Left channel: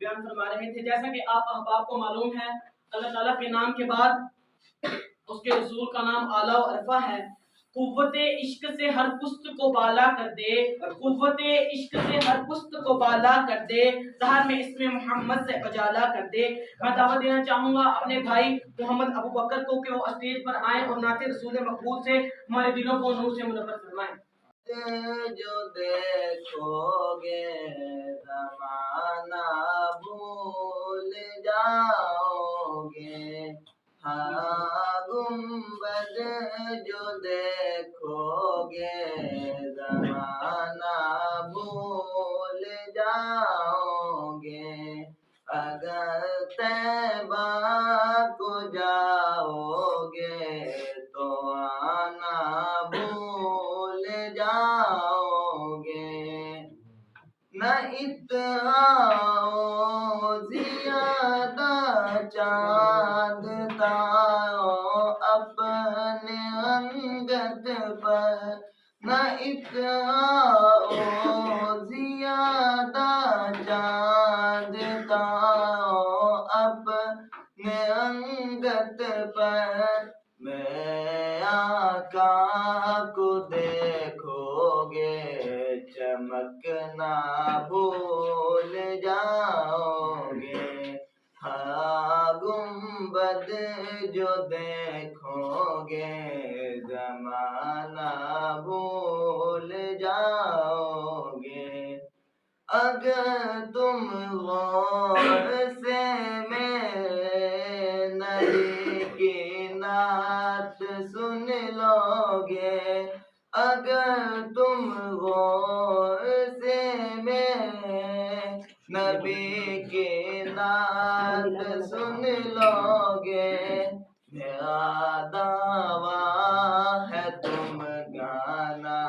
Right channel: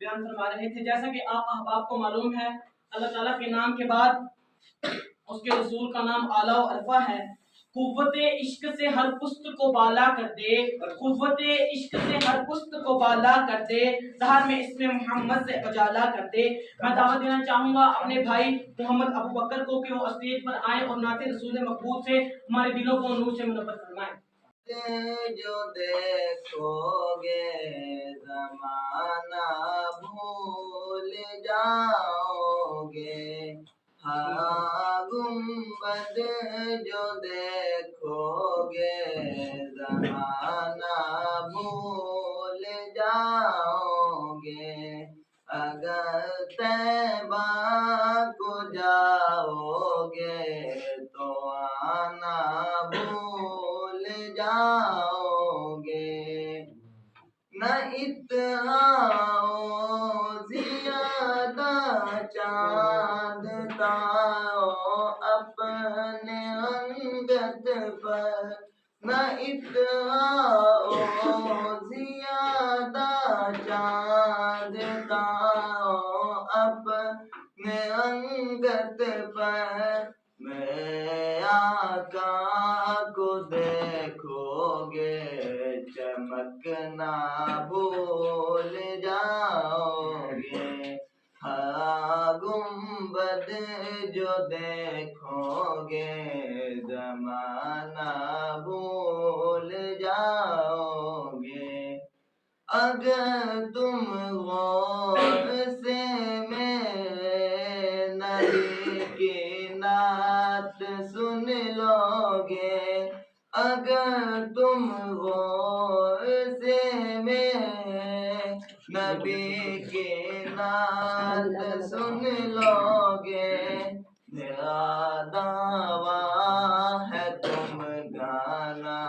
बयान फरमा रहे थे, जैसा कि आप अहबाब को मालूम है, अल्लाह ताला के नाम के बाद उसके रसूल का नाम आला व अरफा है। कुव्वते इश्क से हर पुस्त को बाला कर दे, कुव्वते इश्क से हर पुस्त को बाला कर दे, ज़हर में इसमें मोहम्मद से उजाला कर दे। मैं दावत देना चाहूँगा अपने भाई मोहम्मद अबू बकर को कि वो स्टेज पर आए और नाते रसूल मकबूल से हमारे दिलों को नूर से मुनव्वर फरमाएं। जो देखोगे ज़माना भूल जाओगे, हाँ गुंबद जो देखोगे ज़माना भूल जाओगे। अगर तैबा को जाओगे तो आना भूल जाओगे। न इत्तेहाओ ज़ियादा चाँद ताओ अपने अंगत पर, न इत्तेहाओ ज़ियादा चाँद ताओ अपने अंगत पर। मैं आका को देखोगे चमकना भूल जाओगे, हाँ गुंबद जो देखोगे ज़माना भूल जाओगे। अगर तुम गौर से मेरे नबी की नात सुन लोगे, अगर तुम गौर से मेरे नबी की नात सुन लोगे, मेरा दावा है तुम गाना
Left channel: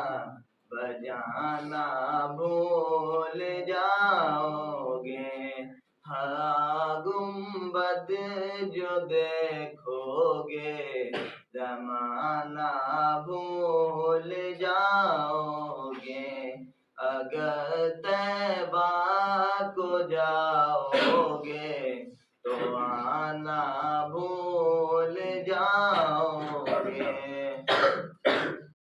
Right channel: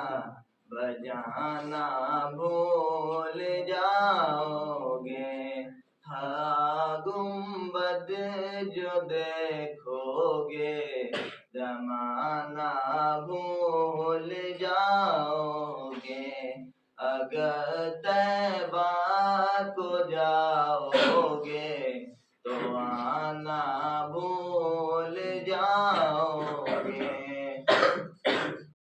बजाना भूल जाओगे। हाँ गुंबद जो देखोगे ज़माना भूल जाओगे। अगर तैबा को जाओगे तो आना भूल जाओगे।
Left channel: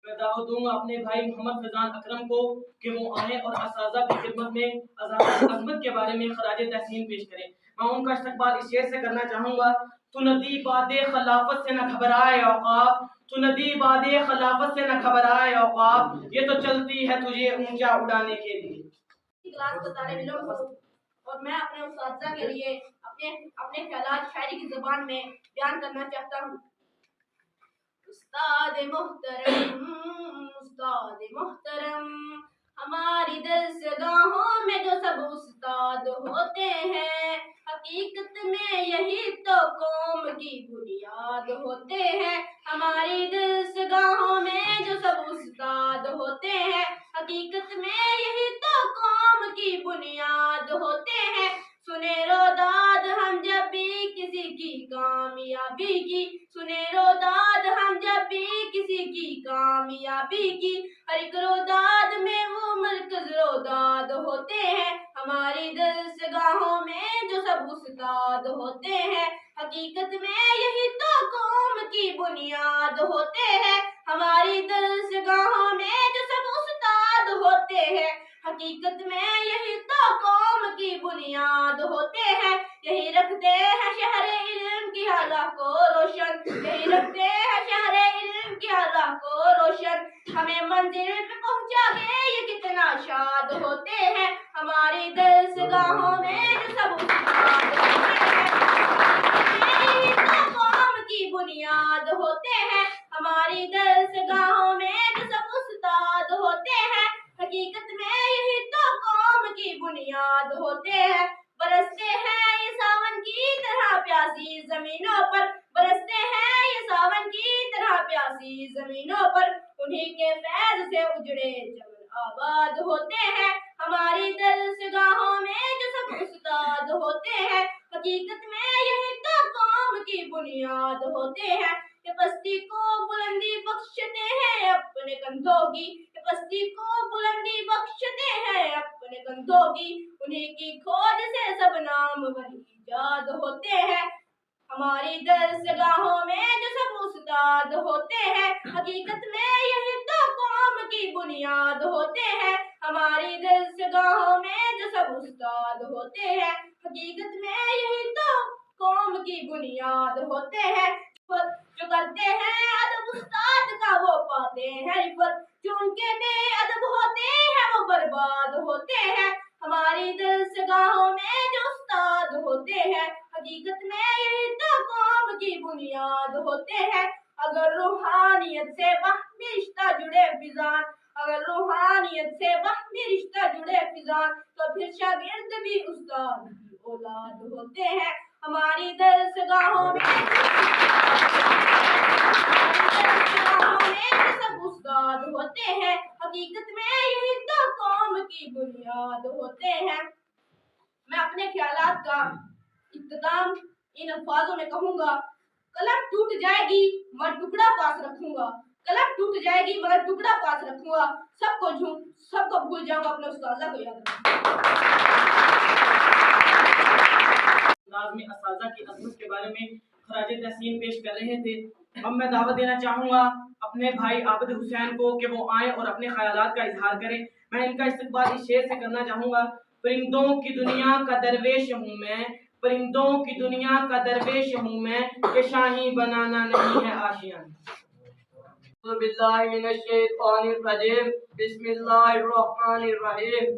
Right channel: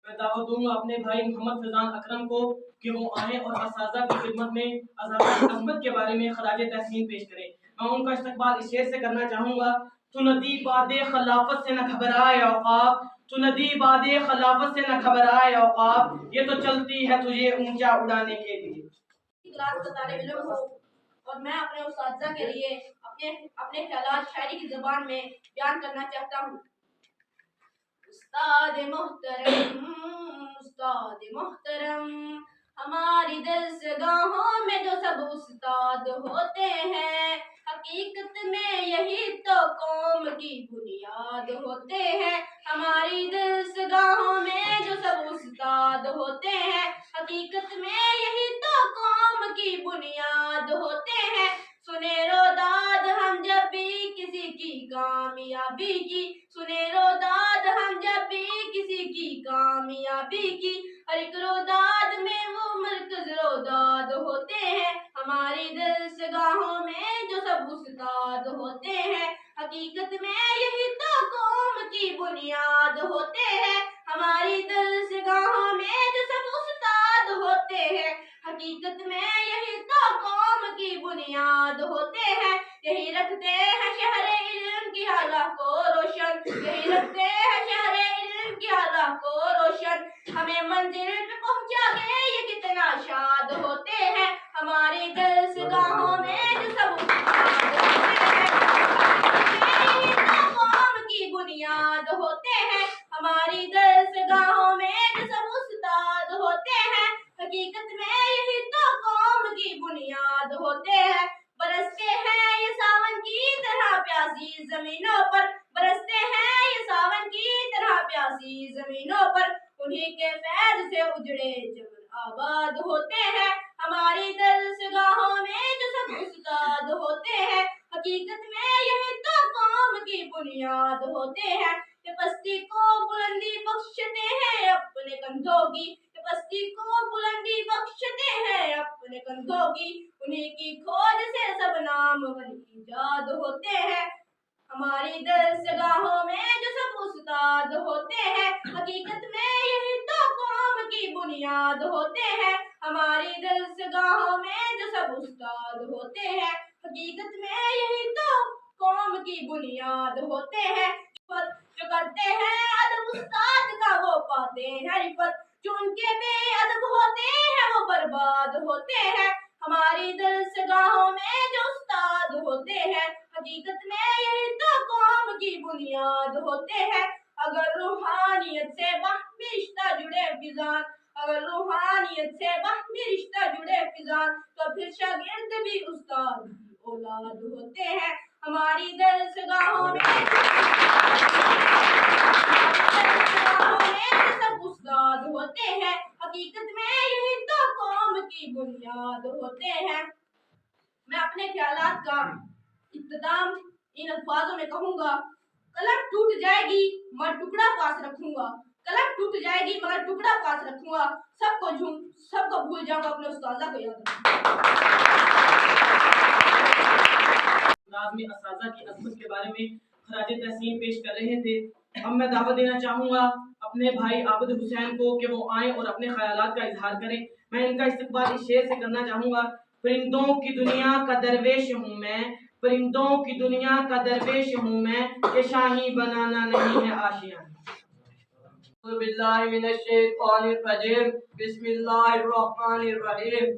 मैं दावत दूंगा अपने भाई मोहम्मद फैजान अकरम को कि वो आए और असाज़ा की खिदमत में अज़मत के बारे में खराज तहसीन पेश करें। मैं उनका इस्तकबाल इस शेर से करना चाहूँगा। तू नदी बादे खिलाफत से न घबराए औक़ाब, तू नदी बादे खिलाफत से न घबराए औक़ाब, ये तो चलती है तुझे ऊंचा उड़ाने के लिए। क्लास का तालिब इल्म हूँ और मैं अपने उस्ताद के लिए अपने ख्यालात शायरी की ज़बान में बयान करना चाहता हूँ। उस्ताद मोहतरम हमारी दरसगाहों में जो सब उस्ताद होते हैं, हकीकत में यही तो कौम की बुनियाद होते हैं। हमारी दरसगाहों में जो सब उस्ताद होते हैं, हकीकत में यही तो कौम की बुनियाद होते हैं। सुने रोदाद हम जब भी किसी की कामयाबी की, सुने रोदाद हम जब भी किसी की कामयाबी की, हर एक रोदाद में वो मरकज रोदाद होते हैं। हमारी दरसगाहों में जो सब उस्ताद होते हैं, हकीकत में यही तो कौम की बुनियाद होते हैं। हमारी दरसगाहों में जो सब उस्ताद होते हैं, हकीकत में यही तो कौम की बुनियाद होते हैं। यही रखते हैं शहरे इल्म की राह को रोशन, यही रखते हैं शहरे इल्म की राह को रोशन। हमें मंजिल पे पहुंचा के ये कितना शाद होते हैं। हमारी दरसगाहों में जो सब उस्ताद होते हैं, यही तो कौम की बुनियाद होते हैं। हमारी दरसगाहों में जो सब उस्ताद होते हैं, हकीकत में यही तो कौम की बुनियाद होते हैं। बरसते हैं ये सावन की तरह प्यासी जमीनों पर, बरसते हैं ये सावन की तरह प्यासी जमीनों पर, उन्हीं के फैज से उजड़े चमन आबाद होते हैं। हमारी दरसगाहों में जो सब उस्ताद होते हैं, हकीकत में यही तो कौम की बुनियाद होते हैं। ये पस्ती को बुलंदी बख्शते हैं अपने कंधों की, ये पस्ती को बुलंदी बख्शते हैं अपने कंधों की, उन्हीं की खोज से सब नाम वही इजाद होते हैं। हमारी दरसगाहों में जो सब उस्ताद होते हैं, हकीकत में यही तो कौम की बुनियाद होते हैं। हमारी दरसगाहों में जो सब उस्ताद होते हैं, हकीकत में यही तो कौम की बुनियाद होते हैं। जो करते हैं अदब उस्ताद का वो पाते हैं रिफत, जो उनके बेअदब होते हैं वो बर्बाद होते हैं। हमारी दरसगाहों में जो उस्ताद होते हैं, हकीकत में यही तो कौम की बुनियाद होते हैं। अगर रूहानियत से बाहमी रिश्ता जुड़े फिजान, अगर रूहानियत से बाहमी रिश्ता जुड़े फिजान, तो फिर शागिर्द भी उस्ताद की औलाद होते हैं। हमारी दरसगाहों में सब उस्ताद होते हैं, हकीकत में यही तो कौम की बुनियाद होते हैं। मैं अपने ख्यालात का इख्तिताम इन अल्फाजों में कहूँगा, कलम टूट जाएगी मगर टुकड़ा पास रखूंगा, कलम टूट जाएगी मगर टुकड़ा पास रखूंगा, सबको भूल जाऊंगा, अपने उस्तादा को याद रखूंगा। लाज़मी असाज़ा की अज़मत के बारे में खराज तहसीन पेश कर रहे थे। अब मैं दावत देना चाहूँगा अपने भाई आबिद हुसैन को कि वो आएँ और अपने ख्यालात का इजहार करें। मैं इनका इस्तकबाल इस शेर से करना चाहूँगा। परिंदों की दुनिया का दरवेश हूँ मैं, परिंदों की दुनिया का दरवेश हूँ मैं, कि शाही बनाना नहीं है आशियाँ। बिस्मिल्लाहिर्रहमानिर्रहीम।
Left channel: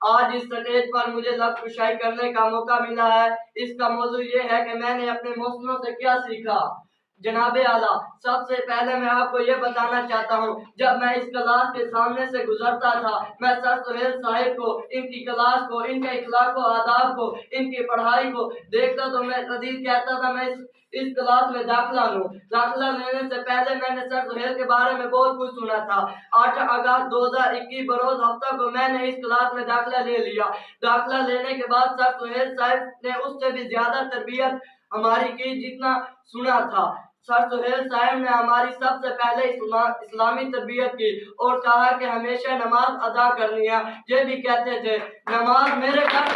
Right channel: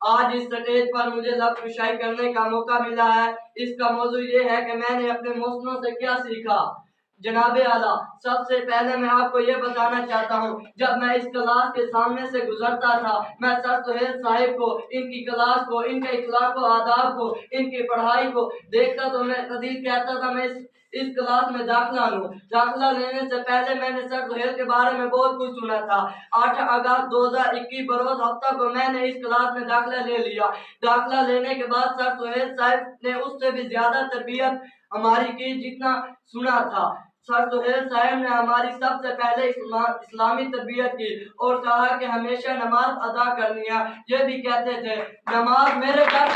आज इस स्टेज पर मुझे लफ्ज़ कुशाई करने का मौका मिला है। इसका मौजू ये है कि मैंने अपने मौसमों से क्या सीखा। जनाबे आला, सबसे पहले मैं आपको ये बताना चाहता हूँ, जब मैं इस क्लास के सामने से गुजरता था, मैं सर सुहेल साहिब को, इनकी क्लास को, इनके इखलाक को, आदाब को, इनकी पढ़ाई को देखता तो मैं कदीर कहता था मैं इस क्लास में दाखिला लूँ। दाखिला लेने से पहले मैंने सर सुहेल के बारे में बहुत कुछ सुना था। 8 अगस्त 2021 बरोज हफ्ता को मैंने इस क्लास में दाखिला ले लिया। दाखिला लेने के बाद सर सुहेल साहिब ने उससे भी ज्यादा तरबियत हमारी की जितना सुना था। सर सुहेल साहब ने हमारी सबसे पहले इस्लामी तरबियत की और कहा कि हमेशा नमाज अदा करनी है। ये भी कहते थे नमाज मेरे घर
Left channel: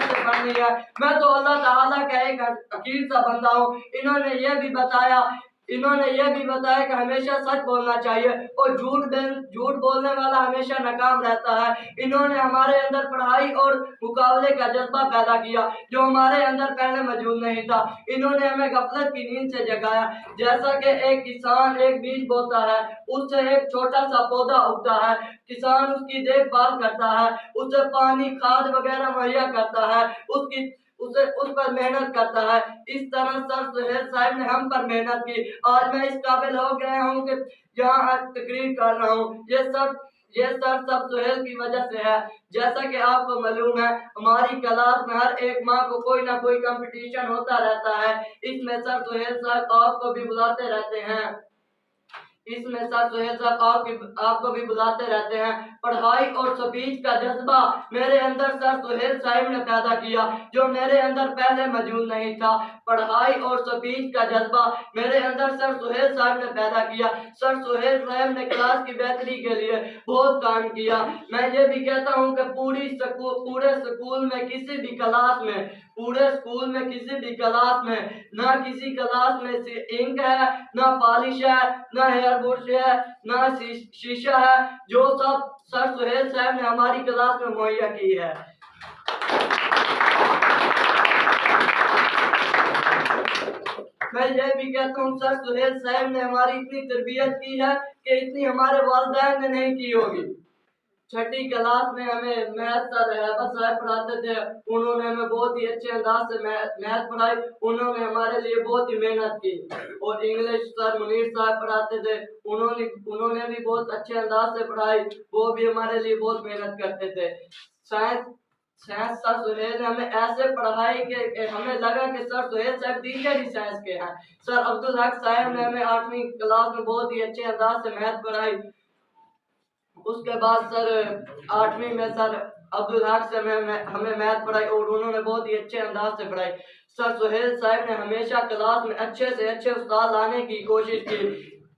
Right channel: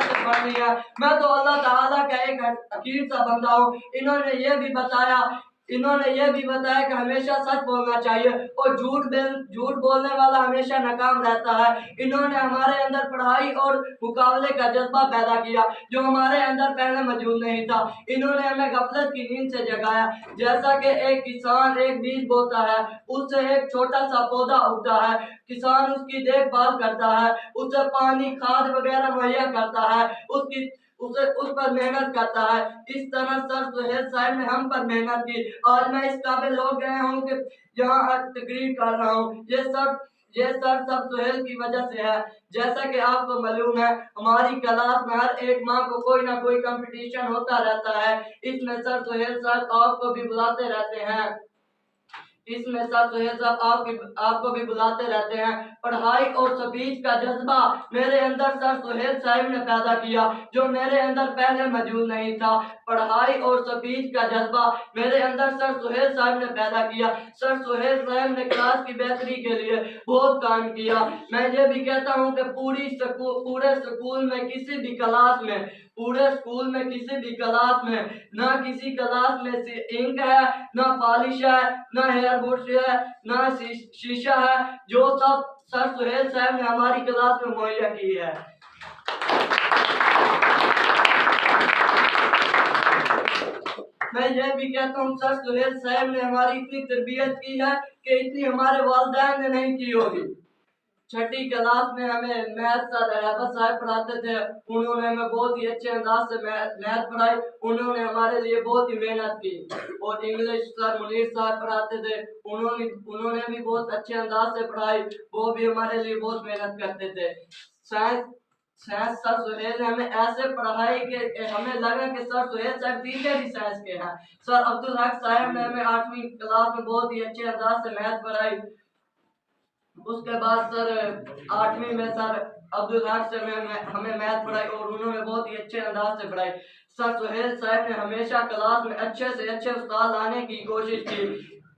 से पढ़नी है। मैं तो अल्लाह ताला का एक हकीर सा बंदा हूँ। इन्होंने ये भी बताया कि हमेशा सच बोलना चाहिए और झूठ बोलने वाला हमेशा नाकाम रहता है। इन्होंने हमारे अंदर पढ़ाई और मुकाबले का जज्बा पैदा किया जो हमारे अंदर पहले मौजूद नहीं था। इन्होंने हमें गफलत की नींद से जगाया। जैसा कि एक किसान एक बीज बोता है, उससे एक छोटा सा पौधा उगता है, किसान उसकी देखभाल करता है, उसे पानी खाद वगैरह मुहैया करता है, उस पर मेहनत करता है। इस तरह सर सुहेल साहब ने हम पर मेहनत की। आज मैं इस काबिल हो गया हूँ कि यहाँ तकरीर कर रहा हूँ। ये सब सुहेल की वजह से है। जैसा कि आपको मालूम है, हमारी क्लास में हर एक माह को कोई ना कोई कंपटीशन होता रहता है। इसमें सर सुहेल साहब आपको भी बुलाते रहते हैं। आपको भी बुलाते रहते हैं। पढ़ाई और स्पीच का जज्बा मेरे अंदर सर सुहेल साहब ने पैदा किया जो मेरे अंदर पहले मौजूद नहीं था। पढ़ाई और स्पीच का जज्बा मेरे अंदर सर सुहेल साहब ने पैदा किया। सर सुहेल साहब ने क्लास की बेहतरी के लिए बहुत काम किया। मैं ये भी कहता हूँ कि पूरे स्कूल में किसी भी क्लास में ना किसी क्लास में इंक है, ना पॉलिश है, ना हेयर ब्रश है, ना शीशा है, जो सब सर सुहेल साहब ने हमारी क्लास में मुहैया की है। मैं ये भी कहता हूँ सर सुहेल साहब ने हमारी इतनी तरबियत की है कि इतनी हमारे वालिदैन ने नहीं की होगी। छठी क्लास में हमें मैथ सर रहमत साहब पढ़ाते थे। उन्होंने हमें बहुत ही अच्छे अंदाज से मैथ पढ़ाई। उन्होंने हमारे लिए बहुत ही मेहनत की। और इंग्लिश सर मुनीर साहब पढ़ाते थे। उन्होंने भी बहुत अच्छे अंदाज से पढ़ाई। वो भी हमारे लिए बहुत मेहनत करते थे। साइंस सर सुहेल ने हमें ऐसे पढ़ाई कि हमें लगा कि सर सुहेल साहब टीचर ही साइंस के हैं। सर अब्दुल हक साहब ने हमें 8वीं क्लास में बहुत ही अच्छे अंदाज से मैथ पढ़ाई। उसके बाद सर 8वीं में सर अब्दुल हक से हमें मैथ पढ़ाई और उन्होंने बहुत ही अच्छे अंदाज से पढ़ाई। सर सुहेल साहब ने हमेशा क्लास में अच्छे से अच्छे उस्ताद लाने की कोशिश की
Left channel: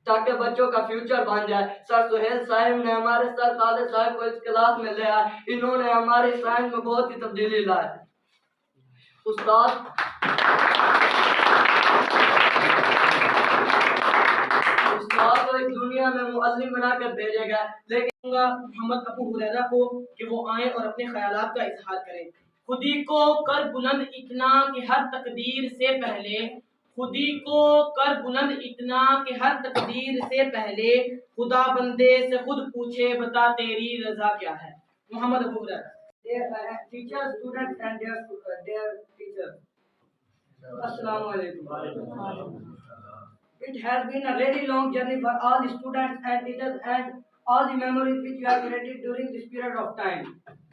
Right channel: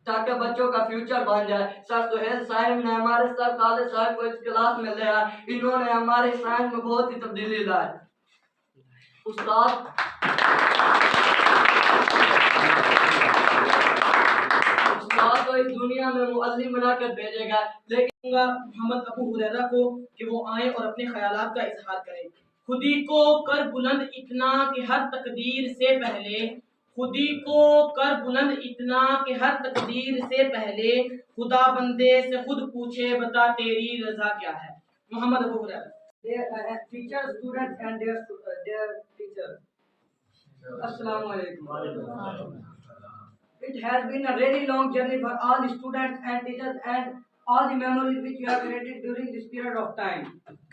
ताकि बच्चों का फ्यूचर बन जाए। सर सुहेल साहब ने हमारे सर खालिद साहब को इस क्लास में ले आए। इन्होंने हमारे साइंस में बहुत ही तब्दीली लाई। उस्ताद को इस दुनिया में मुअल्लिम बनाकर भेजेगा। लेकिन मोहम्मद अबू हुरैरा को कि वो आए और अपने ख्यालात का इजहार करें। खुदी को कर बुलंद इतना कि हर तकदीर से पहले, खुदी को कर बुलंद इतना कि हर तकदीर से पहले खुदा बंदे से खुद पूछे बता तेरी रजा क्या है। Mohammad Abu Huraira. Teacher students and their teacher, अस्सलाम वालेकुम। It has been a really long journey for all the students and teachers and all the memories which you have created during this period of time.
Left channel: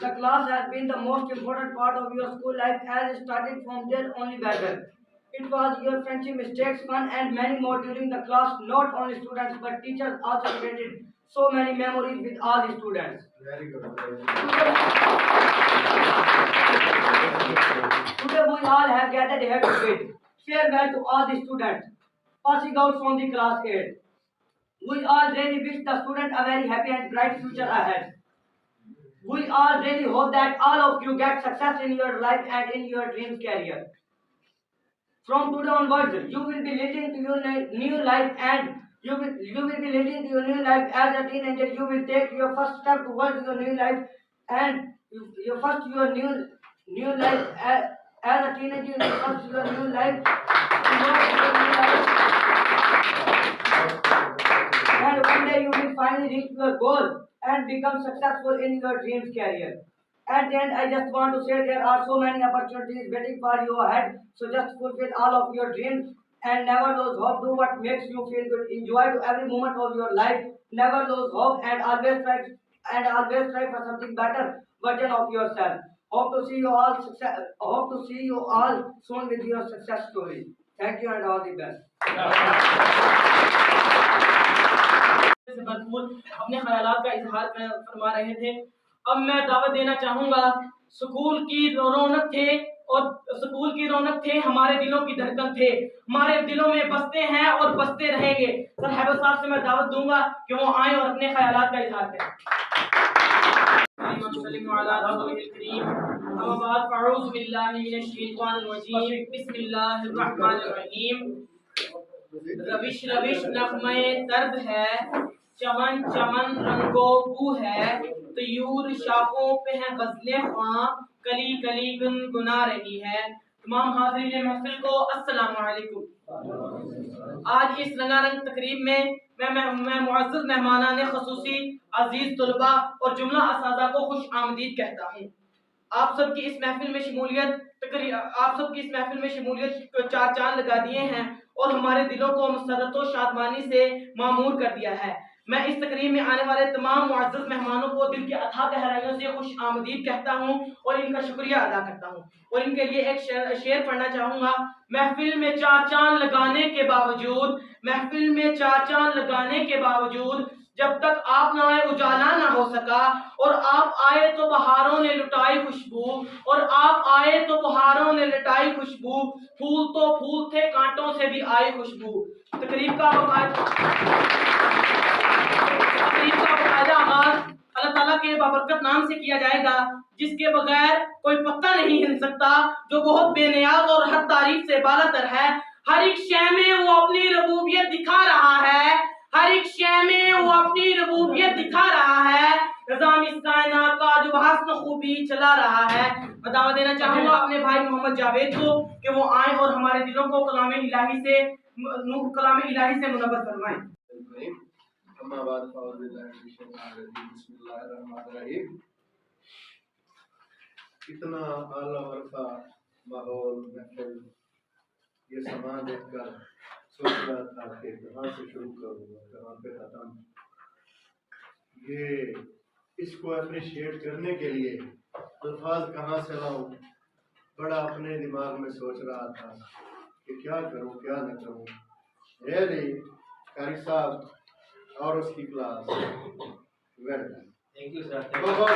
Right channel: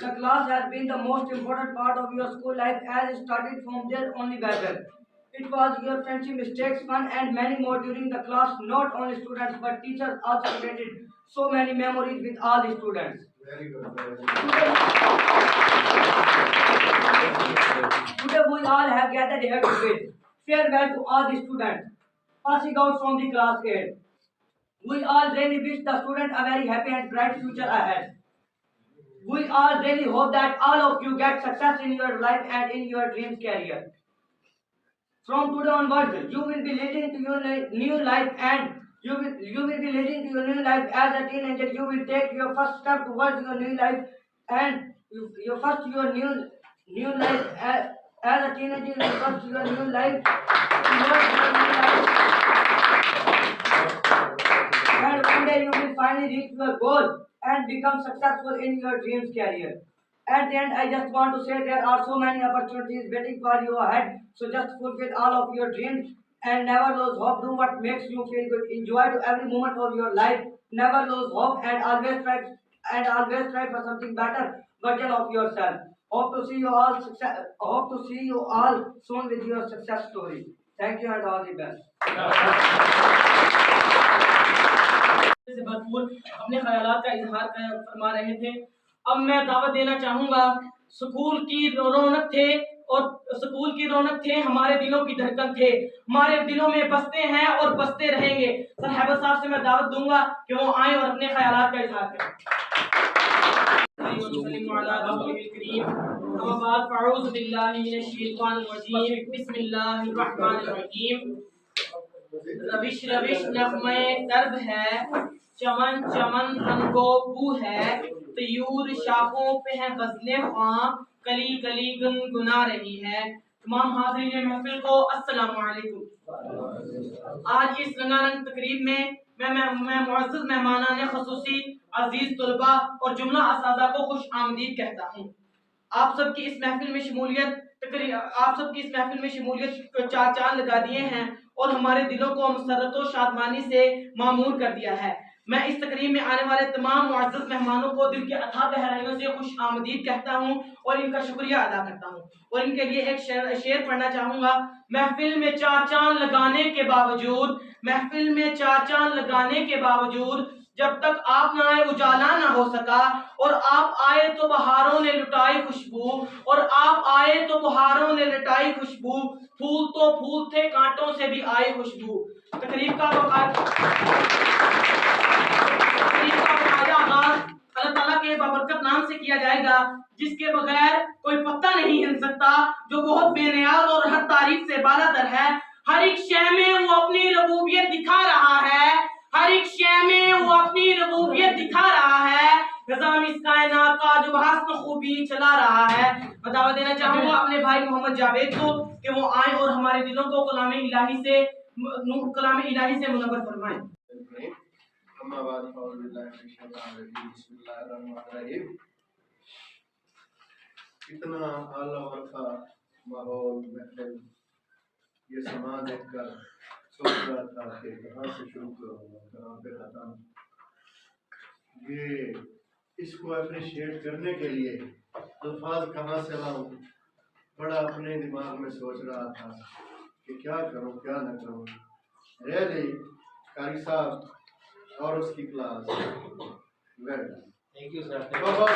The class has been the most important part of your school life as it started from there only better. It was your friendship, mistakes, fun and many more during the class. Not only students but teachers also created so many memories with all the students. Very good. Today we all have gathered here to bid farewell to all the students passing out from the class 8. We all really wish the student a very happy and bright future ahead. We all really hope that all of you get success in your life and in your dreams career. From today onwards, you will be leading to your new life and you will be leading to your new life as a teenager. You will take your first step towards your new life and your new life as a teenager. You will first your new life towards your new life. And one day you will finally reach your goal and become successful in your dreams career. At the end, I just want to say there are so many opportunities waiting for you ahead. So just fulfill all of your dreams and never lose hope. Do what makes you feel good. Enjoy to every moment of your life. Never lose hope and always try for something better version of yourself. Hope to see you all soon with your success story. Thank you and all the best. से भरपूर अपने ख्यालात का इजहार फरमा रहे थे। अब मैं दावत देना चाहूँगा, स्कूल की रौनक थे और स्कूल की रौनक थे, हमारे दिलों की धड़कन थे, हमारे दिलों में बसते हैं और बसते रहेंगे। सर हैबर साहब से मैं दावत दूंगा कि वो आए और अपने ख्यालात का इजहार करें। रविश रविश नगमे तर्ब है, चमन चमन रंगो बू है, तयूर शाखों पे है गजलें ख्वां, कली कली गुनगुना रही है। तमाम हाज़रीन महफिल को अस्सलाम वालेकुम। आज इस रंगारंग तकरीब में मैं मुअज़्ज़ज़ मेहमानान ख़ुसूसी अजीज तलबा और जुमला असादा को खुश आमदीद कहता हूँ। आप सबकी इस महफिल में शमूलियत चार चांद लगा दिए हैं और हमारे दिलों को मसरत व शादमानी से मामूर कर दिया है। मैं इस तकरीब में आने वाले तमाम मुअज़्ज़ज़ मेहमानों को दिल के अथाह गहराइयों से खुश आमदीद कहता हूँ और इनका शुक्रिया अदा करता हूँ और इनके लिए एक शेर पढ़ना चाहूँगा। महफिल में चार चांद लगाने के बावजूद जब तक आप ना आए उजाला ना हो सका, और आप आए तो बहारों ने लुटाई खुशबू, फूल तो फूल थे कांटों से भी आई खुशबू। तकरीब का आगाज अल्लाह ताला के बाबरकत नाम से किया जाएगा, जिसके बगैर कोई पत्ता नहीं हिल सकता, जो बहुत बेनियाज और हर तारीफ से बालातर है। हर एक शय में वो अपनी रबूबियत दिखा रहा है, निज़ाम इस कायनात का जो बहस्न खूबी चला रहा है। मैं दावा देना चाहूँगा अपने भाई मोहम्मद जावेद को कि वो आए और हमारे दिलों को कलाम इलाही से मुनव्वर फरमाएं। अम्मा बाद फ़ौज़ बिल्लाहि मिनश शैतानिर रजीम बिस्मिल्लाहिर रहमानिर रहीम। इतना आला वरफ़ा माहौल महफ़िल ये समा देखकर सोच रहा था कि कहाँ से शुरू करूँगा, कहाँ पे ख़त्म। ये इसको अप्रिशिएट करने के लिए अल्फाज कहाँ से लाऊं, बड़ा अपने दिमाग में सोच रहा था कि क्या करूं क्या न करूं। रियली कारी साहब और उसकी class well done. Thank you sir. बहुत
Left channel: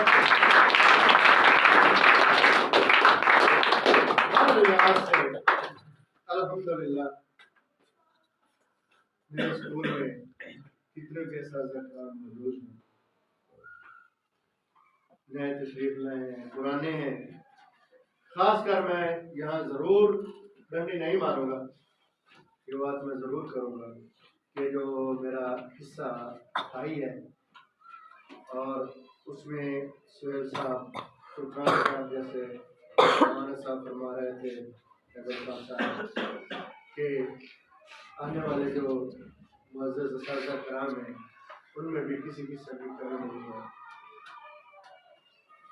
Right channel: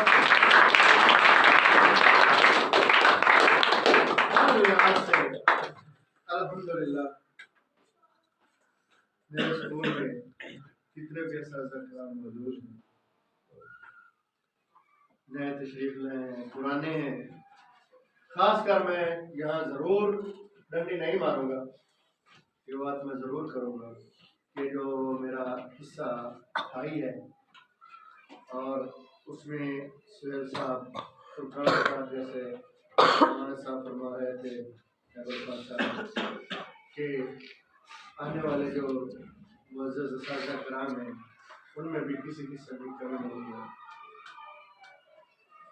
हर लिहाज से अल्हम्दुलिल्लाह मेरे स्कूल में कितने के साज़ा मौजूद हैं, नए तशरीफ लाए हैं, पुराने हैं। खासकर मैं यहाँ ज़रूर डंडी नहीं मारूंगा, ये बात मैं ज़रूर करूँगा कि जो मेरा हिस्सा आई है और उसमें सुहेल साहब, फुरकान साहब जैसे माना साहब फरमा रहे थे साहब कि आने वाले जो मुअज़्ज़ज़ असातिज़ा कराम हैं उनमें भी किसी किस्म की कमी नहीं है।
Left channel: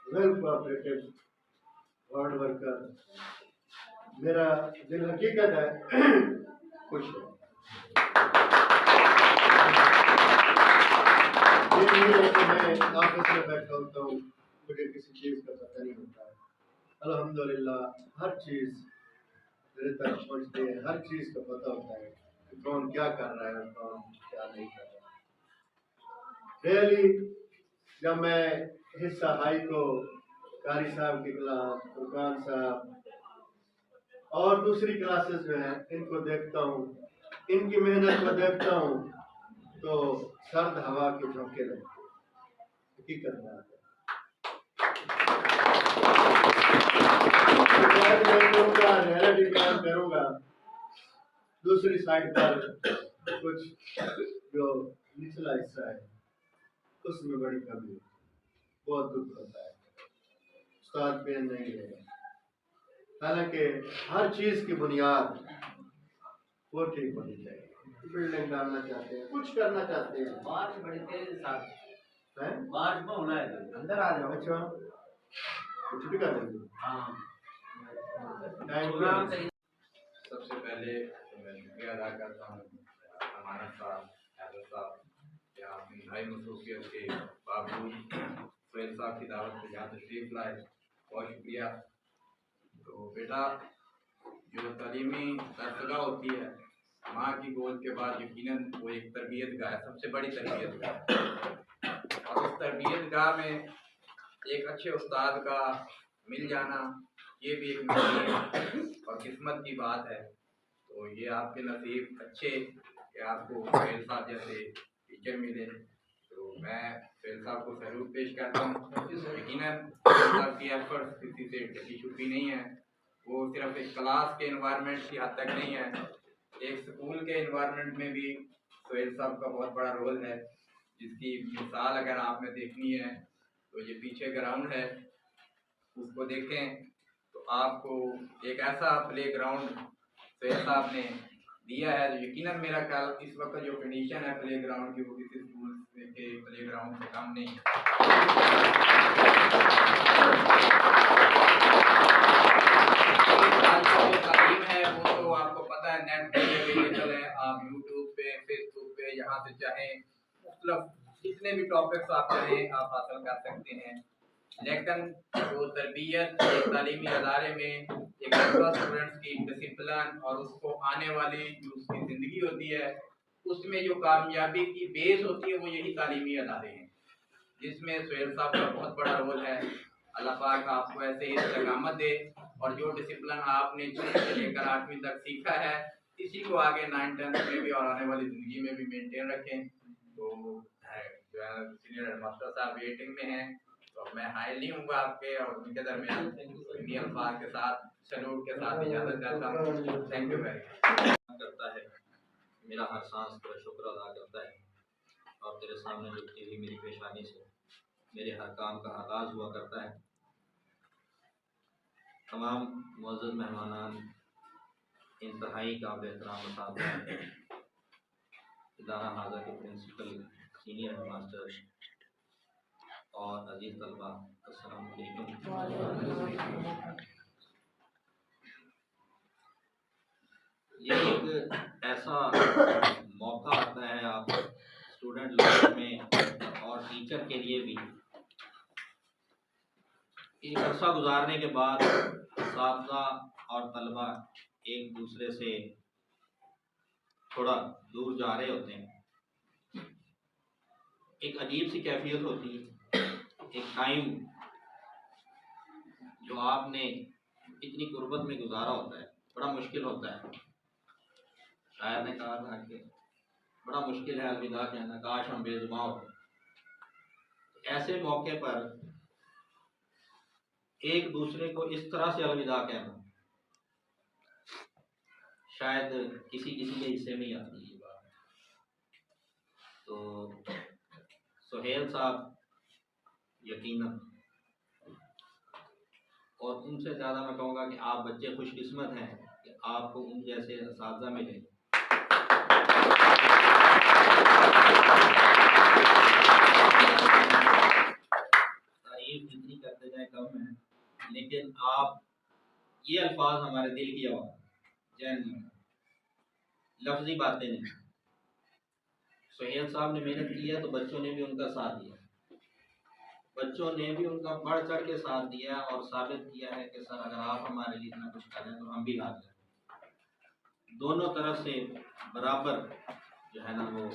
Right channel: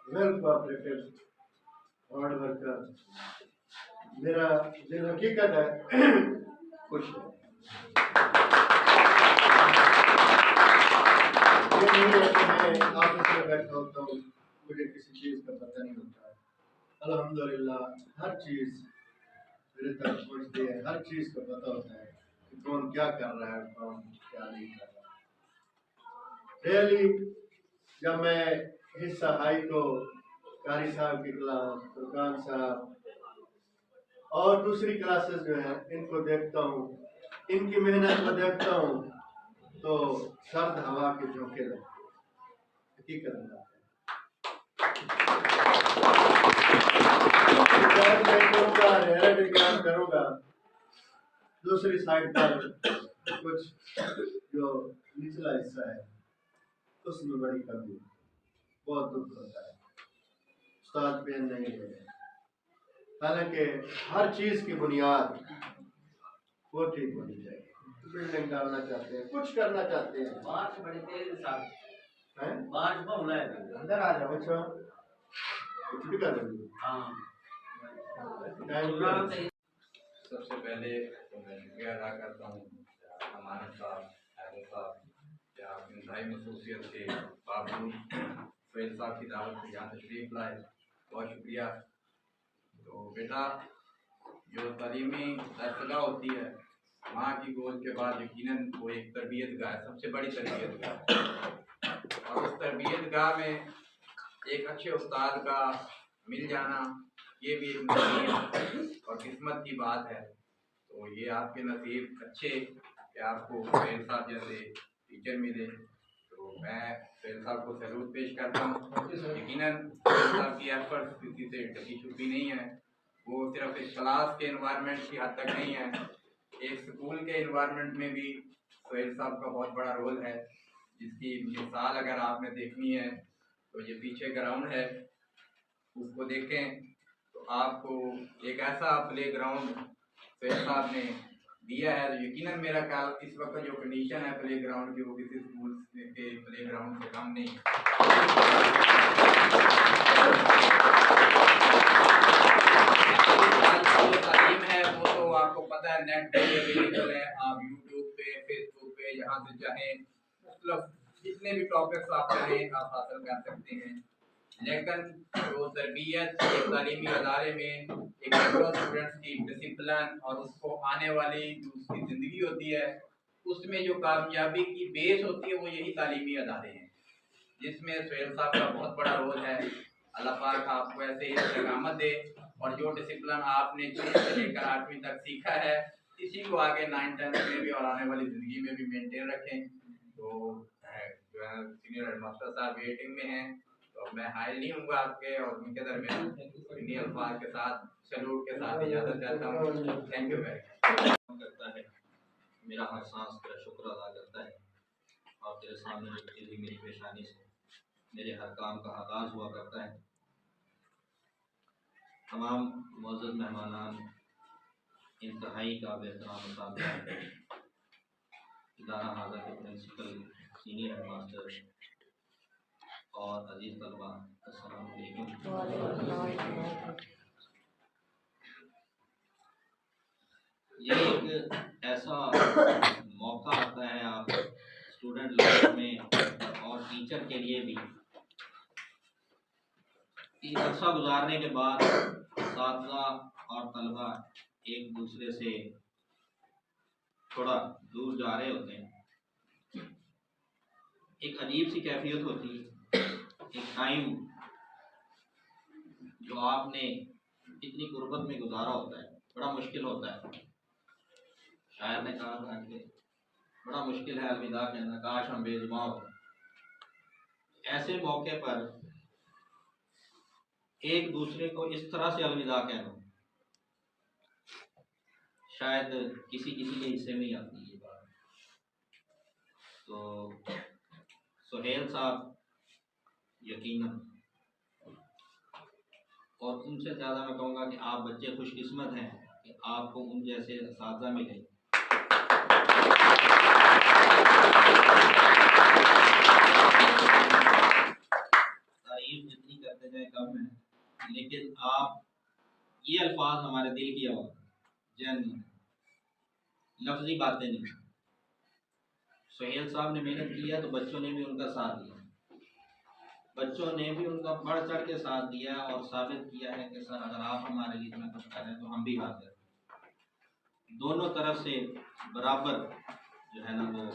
वेल कोऑपरेटिव, हार्ड वर्कर, मेरा दिल हकीकत है खुश है। ये नहीं है कि मैं ऑफिस में बैठा होता हूँ, मुझे किसी चीज़ का पता नहीं होता है। अल्हम्दुलिल्लाह हर चीज़ मेरे तक पहुँचती है, हर चीज़ का पता होता है कि कौन क्या कर रहा है और कौन क्या नहीं कर रहा है। रियली जब मैं हिस्सा हाई को कारी साहब की क्लास, फुरकान साहब और दूसरी क्लासेस जो हैं इनको देखता हूँ, इनकी मेहनत को देखता हूँ तो सर्द हवा के झोंके लगते हैं। हकीकत बात है। मैं करूँगा, रियलिटी बयान करूँगा। दूसरी साइड पर कुछ जो निचला हिस्सा है उसमें बड़ी कमी है, बहुत दुख होता है। उस्ताद पेन नहीं ले रहे, हालांकि हर चीज़ की बुनियाद वो ठीक होनी चाहिए। बिल्डिंग डालना चाहते हैं, कुछ करना चाहते हैं, बारिश बड़ी तेज साहब, हैं? बारिश में होना है। अंदर आ जाओ। अच्छा कुछ भी कर देंगे। हाँ प्रोग्राम सही। सबसे पहले तो मैं शुक्रिया अदा करता हूँ अमानत साहब, हैदर साहब या इंतहाई मसरूफियत के बावजूद सुहेल साहब की दावत पर यहाँ तशरीफ़ लाए, बहुत शुक्रिया। तो बेटा जो तालीमी दरसगाह होती है माँ की गोद के बाद यकीनन वो एक तरबियत गाह है, सबसे बड़ी तरबियत गाह है। और उस तरबियत गाह में एक अच्छे उस्ताद का मिल जाना ये भी एक नसीब और किस्मत की बात है। तो ये आपके नसीब अच्छे कि आपको सुहेल साहब जैसे टीचर मिले। तो मैं सुहेल साहब को सैल्यूट पेश करता हूँ। यकीनन सुहेल साहब की एफर्ट किसी से ढकी छुपी नहीं है, वो सिर्फ एक क्लास के इन्वायरमेंट की हद तक नहीं है, एक स्कूल के इन्वायरमेंट में भी सुहेल साहब का बहुत बड़ा रोल है, जिसकी मिसाल अगर आपने देखनी है तो ये पीछे ग्राउंड है, उसको देखें तो आपको एक ऐसा प्ले ग्राउंड सुहेल साहब ने दिया है। तो यकीनन मेरा ख्याल इस वक्त जो कंडीशन है प्ले ग्राउंड की वो किसी स्कूल के प्ले ग्राउंड से कम नहीं है। जो तालीम है वो तो आपको पता है नेट पे अवेलेबल है, आप यूट्यूब पे, फेसबुक पे, जहाँ से चाहें मतलब जितने भी टॉपिक्स आप चाहें आप हासिल कर सकते हैं। लेकिन जो तरबियत एक तालीमी अदारे में एक स्टूडेंट्स की डिसिप्लिन और उसको आने वाली जो उसकी ज़िंदगी होती है उसमें जो कामयाबी की बेस होती है वो यही तालीमी अदारे हैं, जिसमें सुहेल साहब का बहुत बड़ा रोल है। अल्लाह पाक आपको ऐसे ही इस्तेकामत दे और जो डिसिप्लिन आपने 6 से लेकर 8वीं तक सीखा है इसी को आगे 9th 10th में भी और आने वाली ज़िंदगी में भी मेंटेन रखें। तो जो है सीनियर हेडमास्टर साहब वेटिंग में हैं, तो मैं हाई नहीं हूँगा आपके और उनके दरमियान इन्हीं अल्फाज के साथ सैल्यूट के साथ इजाज़त चाहता हूँ। Thank you very much. करता है, मेरा हर सांस तेरा शुक्र अदा करता है और तेरे सामने झुकती हुई मेरी पेशानी से मेरे हर काम का आगाज़ हुआ करता है। तमाम मुअज़्ज़ज़ मेहमानान, इंतहाई काबिल एहतराम असातिज़ा, इदारा हाज़ा के प्रिंसिपल, सीनियर हेड मास्टर और अजीज़ तलबा, अस्सलाम वालेकुम। ये एक ऐसा मौका आता है आप स्टूडेंट लाइफ में और टीचर के लिए भी, एक अरसा गुजारने के बाद साथी और तलबा एक दूसरे से थोड़ा दूर जा रहे होते हैं। एक अजीब सी कैफियत होती है। एक टाइम जो आपने इतनी गुर्बत में गुजारा होता है, बड़ा मुश्किल होता है। शायर ने कहा था कि बड़ा मुश्किल है अलविदा कहना, काश हम बेजुबां होते। ऐसे मौके पर एक दूसरे को इस तरह से अलविदा कहना शायद किसी किसी के हिस्से में ही आती है ये बात। तो सुहेल साहब यकीनन, और उनसे ज़्यादा मैं कहूँगा कि आप बच्चे खुशकिस्मत हैं कि आपको उन जैसे असातिज़ा मिले। तारीफ जितनी करते जाए कम है, लेकिन आप ये अल्फाज हमारे दिल की आवाज़, जैन लफ्ज़ी बातें नहीं। सुहेल साहब ने मेहनत किया तो बच्चों ने भी उनका साथ दिया, बच्चों ने भी उनका बढ़ चढ़ के साथ दिया और साबित किया है कि सर अगर आप हमारे लिए इतना कुछ करें तो हम भी हाजिर हैं। दोनों तरफ से बराबर जो है ना वो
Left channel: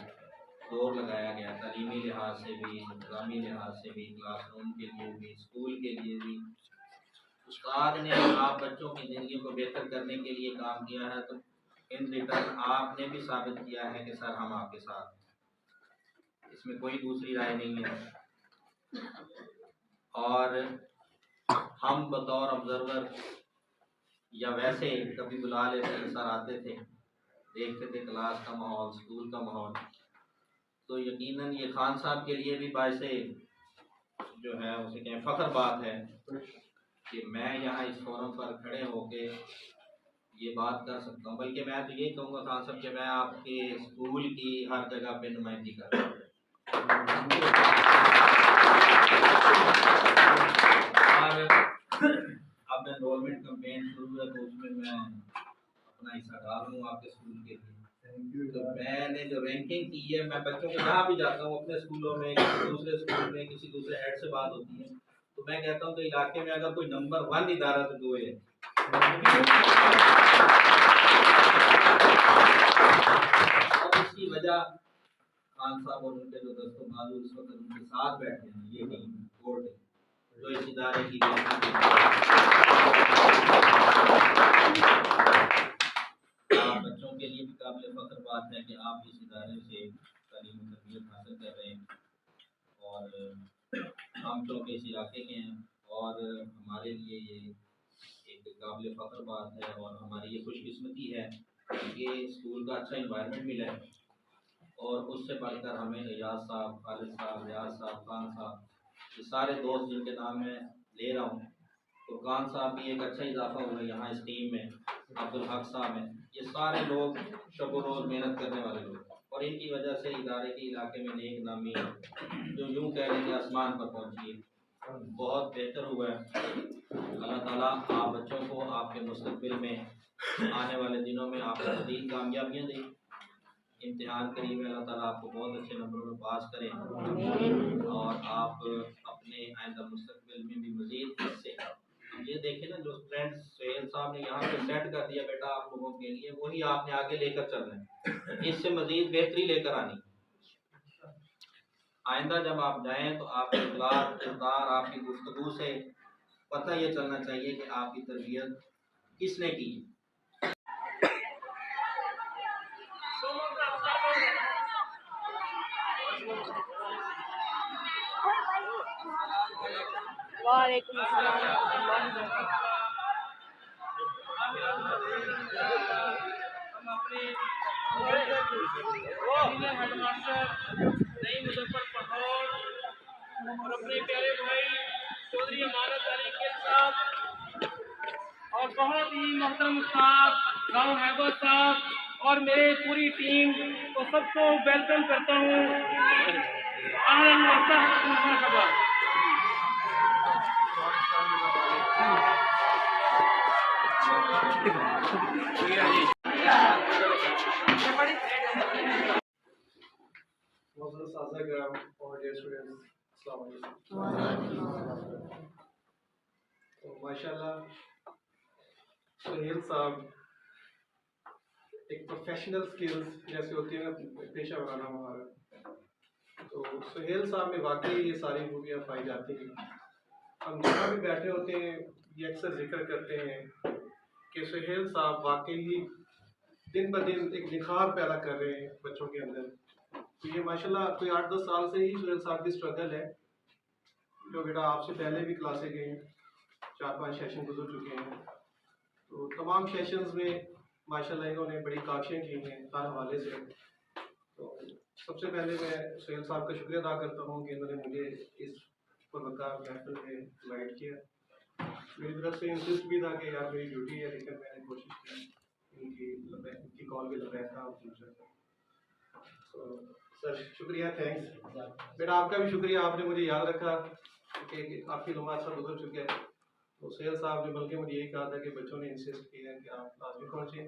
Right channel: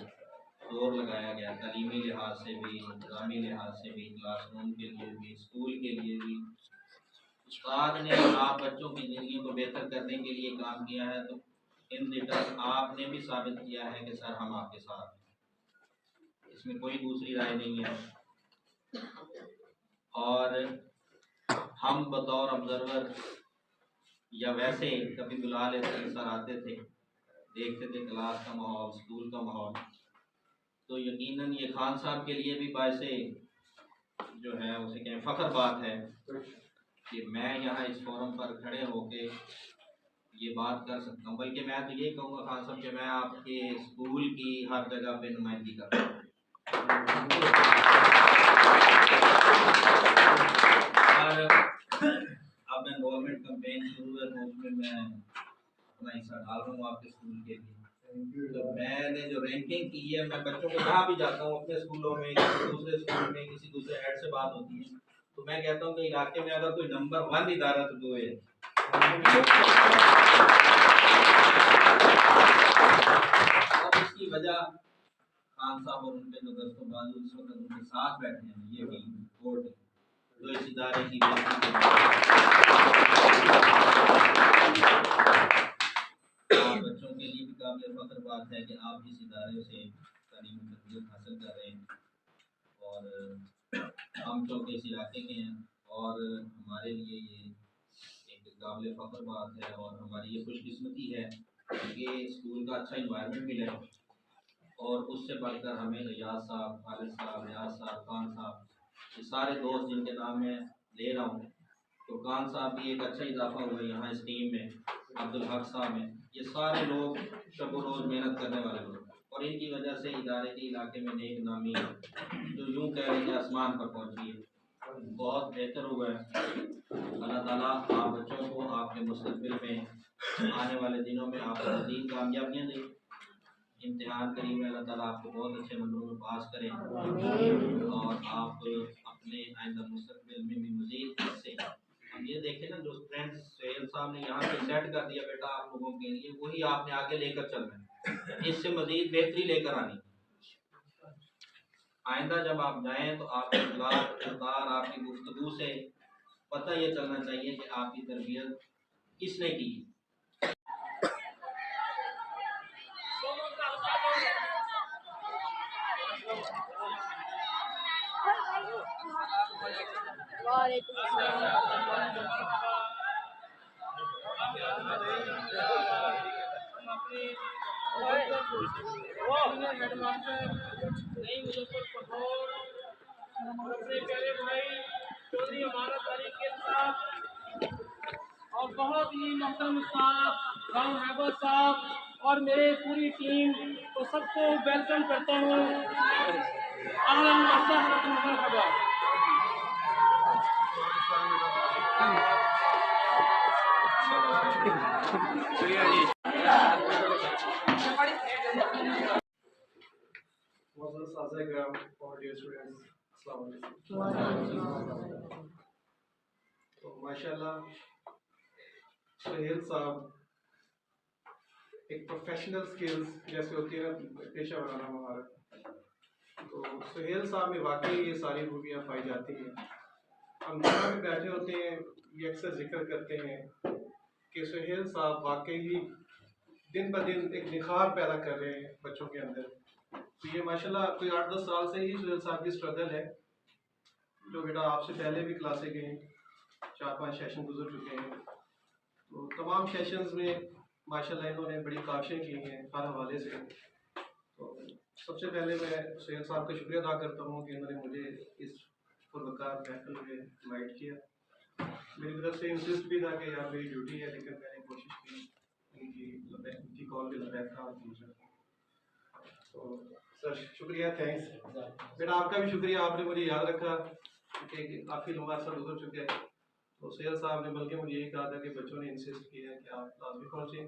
जोर लगाया गया, तालीमी लिहाज से भी, इंतज़ामी लिहाज से भी, क्लासरूम के लिए भी, स्कूल के लिए भी। उस्ताद ने आप बच्चों की ज़िंदगी को बेहतर करने के लिए काम किया है, तो इन रिटर्न आपने भी साबित किया है कि सर हम आपके साथ हैं। इसमें कोई दूसरी राय नहीं है। और हम बतौर ऑब्जर्वर या वैसे कभी बुला लेते थे, सर आते थे, देखते थे क्लास का माहौल, स्कूल का माहौल, तो यकीनन ये खान साहब के लिए भी बायसे जो है उसे कहें फ़ख्र बात है कि मैं यहाँ इस फोरम पर खड़े होके ये बात कर सकता हूँ। बल्कि मैं तो ये कहूँगा खान साहब कि मैं आपके स्कूल की हर जगह पे नुमाइंदगी कर रहा हूँ। और अब एनरोलमेंट कैंपेन शुरू है तो उसमें मैं अपना हिस्सा डाल रहा हूँ आपके स्कूल के लिए। तो मैंने जो रैंकिंग की है, मैं बच्चों के जहाँ भी जाता हूँ, अपने स्कूलों में, किसी दूसरे स्कूल में, किसी दूसरे हेड से बात होती है, तो मैं कहता हूँ कि इलाके में अगर कोई नंबर 1 इदारा तो दो है। और इसकी वजह खान साहब और उनके जो दोस्तों बाजू इस वक्त उनके साथ बैठे हैं, ये टीम बोर्ड है जो इस इदारे की बच्चों के लिए भी काबिल फ़ख्र बात है कि आप इस इदारे से तालीम और तरबियत हासिल कर रहे हैं। और हम चूँकि इस इलाके के हैं और हमारे लिए ये एक काबिल फ़ख्र बात है और हमारी ये खुशकिस्मती है कि स्कूल का अच्छा इन्वायरमेंट मिला है। और उससे बढ़कर हमें रियाज साहब, खालिद साहब, रियाज साहब, खान साहब, ये सारे दोस्त जिनके नाम मैं ले रहा हूँ, तो खान साहब भी एक अच्छा इजाफा हुआ है यहाँ इस टीम में, अब्दुल हक साहब हैं, ये सारे लोग शब रोज़ मेहनत करने वाले लोग, और इनकी वजह से इदारे के इलाके में नेक नामी जो यूँ कह लेंगे आसमान पर पहुँची है, बहुत बेहतर हुआ है। अल्लाह ताला आप बच्चों को आपके मुस्तक़बिल में आने वाले दिनों में आपको मज़ीद कामयाबियाँ दें। इम्तिहान करीब है, अल्लाह ताला आपको बहुत अच्छे नंबरों में पास करें और आप अपने आइंदा मुस्तक़बिल में भी मज़ीद इससे, हम ये देखें ना, जो फ्रेंड्स सुहेल साहब ने यहाँ पे सेट कर दिया बेटा आप लोगों के लिए, वही आपने आगे लेकर चलना है, इससे मज़ीद बेहतरी लेकर आनी। आइंदा जब आप जाएँ तो आपके इखलाक, किरदार, आपकी गुफ्तगू से पता ये चलना चाहिए कि आपकी तरबियत किसने की। वालेकुम अस्सलाम। सीनियर हेडमास्टर नई मुजफ्फरपुर और अपने प्यारे भाई चौधरी अमानत अली के साथ और बहुत ही मोहतरम उस्ताद राव हैबर साहब और मेरे पूरी टीम तो सबको वेलकम करता हूँ। अहलन व सहलन व मरहबा। और डियर स्टूडेंट्स, अस्सलाम वालेकुम। तो माशाल्लाह सुहेल साहब एक प्रोफेशनल स्किल्स जैसे होती है ना, पेशा वराना महारत, तो सुहेल साहब में वाकई ये सारी खूबियाँ पाई जाती हैं। हम जहाँ भी बैठे होते हैं ये अक्सर जिक्र करते हैं कि सुहेल साहब वाकई ही दिन ब दिन एक निखार पैदा कर रहे हैं बच्चों के अंदर। तो ये माशाल्लाह कोई 8-10 साल से ही सुहेल साहब की स्ट्रगल है। जो बेटा आपसे पहले भी क्लासे गए हैं, 4-5 सेशन गुजर चुके हैं, तो तमाम सेशंस में माशाल्लाह इन्होंने बड़ी काविशें की हैं हर हवाले से। तो सबसे पहले मैं सुहेल साहब का शुक्रिया अदा करता हूँ कि इन्होंने मुझे इस पुरवकार महफिल में इनवाइट किया। मेरी तरफ से इंसिस्ट भी था कि यार मेरी ड्यूटी है, लेकिन मैंने कोशिश की इनकी कॉल भी लबैक था और पूछा। तो सर शुक्रिया, थैंक्स। बेटा आपका भी शुक्रिया, आपने मुझे याद रखा कि काफ़ी लंबा अर्सा गुजर चुका है। तो सुहेल साहब ने बल्कि मुझे यही कहा था कि बच्चों ने इंसिस्ट किया है कि आप लाजमी पहुँचें।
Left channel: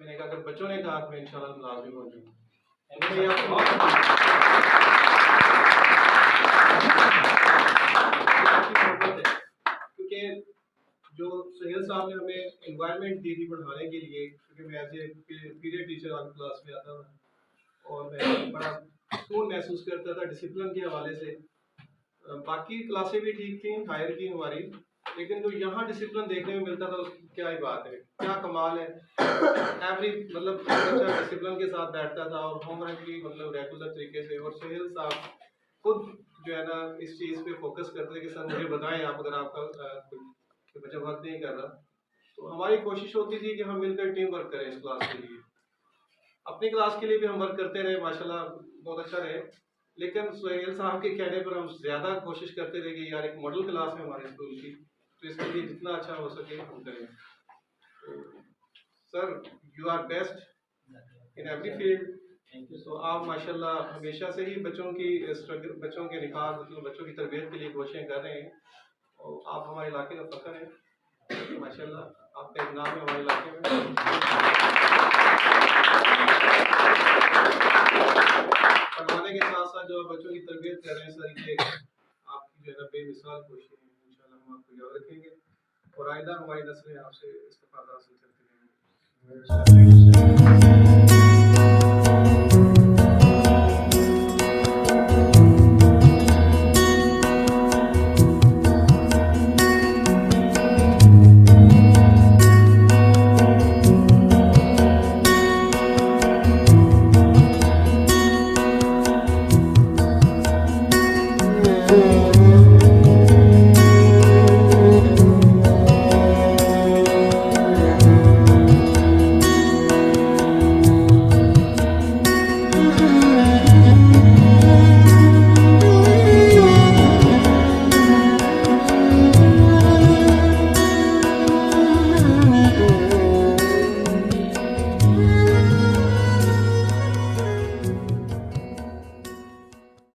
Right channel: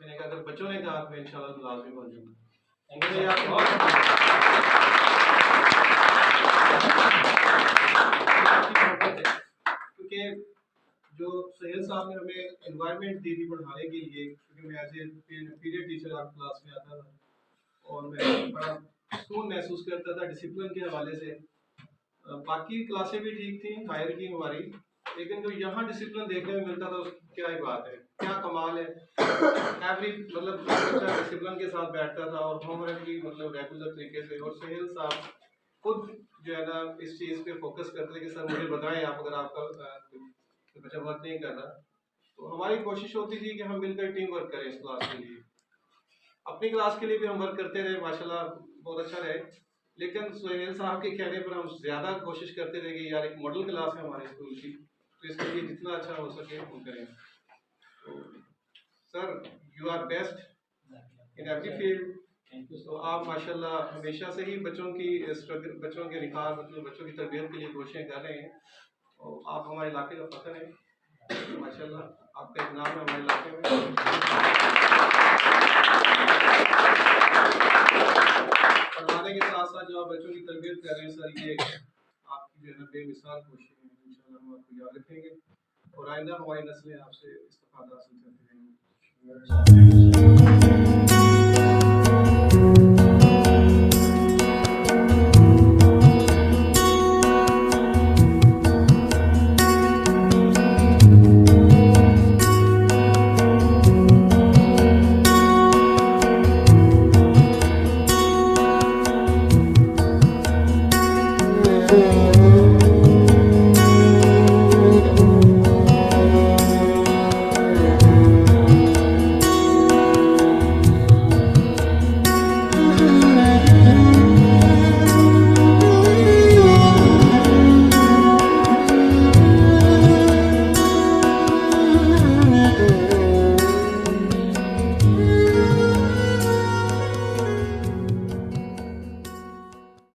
मैंने कहा अगर बच्चों ने कहा तो मैं इंशाल्लाह लाजमी पहुँचूँगा। क्योंकि जो सुहेल साहब ने हमें एनवायरनमेंट दी थी पढ़ाने के लिए, क्योंकि मैं एज ए पीरियड टीचर आपकी क्लास में आता था और मैं बड़ा सुकून महसूस करता था डिसिप्लिन के हवाले से। बाकी क्लासें भी ठीक थी हायर की हमारी, लेकिन जो यहाँ डिसिप्लिन देखने में मिलता था उसकी क्या ही बात है, क्या कमाल है। एवरी मतलब डिसिप्लिन के साथ बैठता था और होमवर्क भी मतलब रेगुलर तरीके से। और सुहेल साहब खुद जो है ना इस चीज़ पे फोकस करते थे कि सर मुझे बताएं आप अगर आपका कोई बच्चा वर्क नहीं कर रहा। तो हमारी कोशिश होती थी कि हम मिलकर टीम वर्क करें इस क्लास के लिए। अपनी क्लास के लिए भी हम वर्क करते रहे, माशाल्लाह बहुत अच्छा रहे। लेकिन सुहेल साहब के कहने पर हम ज़्यादा कोशिश करते थे कि यार एक मॉडल क्लास है हमारे स्कूल की, तो इसके लिए जितना अच्छा हो सके हम करें। तो sir you are best in every field. तो आप माशाल्लाह हमेशा से ही बच्चों की स्ट्रगल, बच्चों के निखार, मतलब बच्चों की तरबियत के लिए कोशिशें कर रहे हैं और आप हमारे इलाके का फ़ख्र हैं। माशाल्लाह आपका एक नाम है हमारे इलाके में। पढ़ाने के साथ साथ जो आप बच्चों की तरबियत कर रहे हैं सर, ये आपकी जो है ना बेमिसाल कोशिश है। इंशाल्लाह हम आपको याद रखेंगे और आइंदा हमारी नस्लें आपसे इस्तिफादा हासिल करती रहेंगी। Thank you.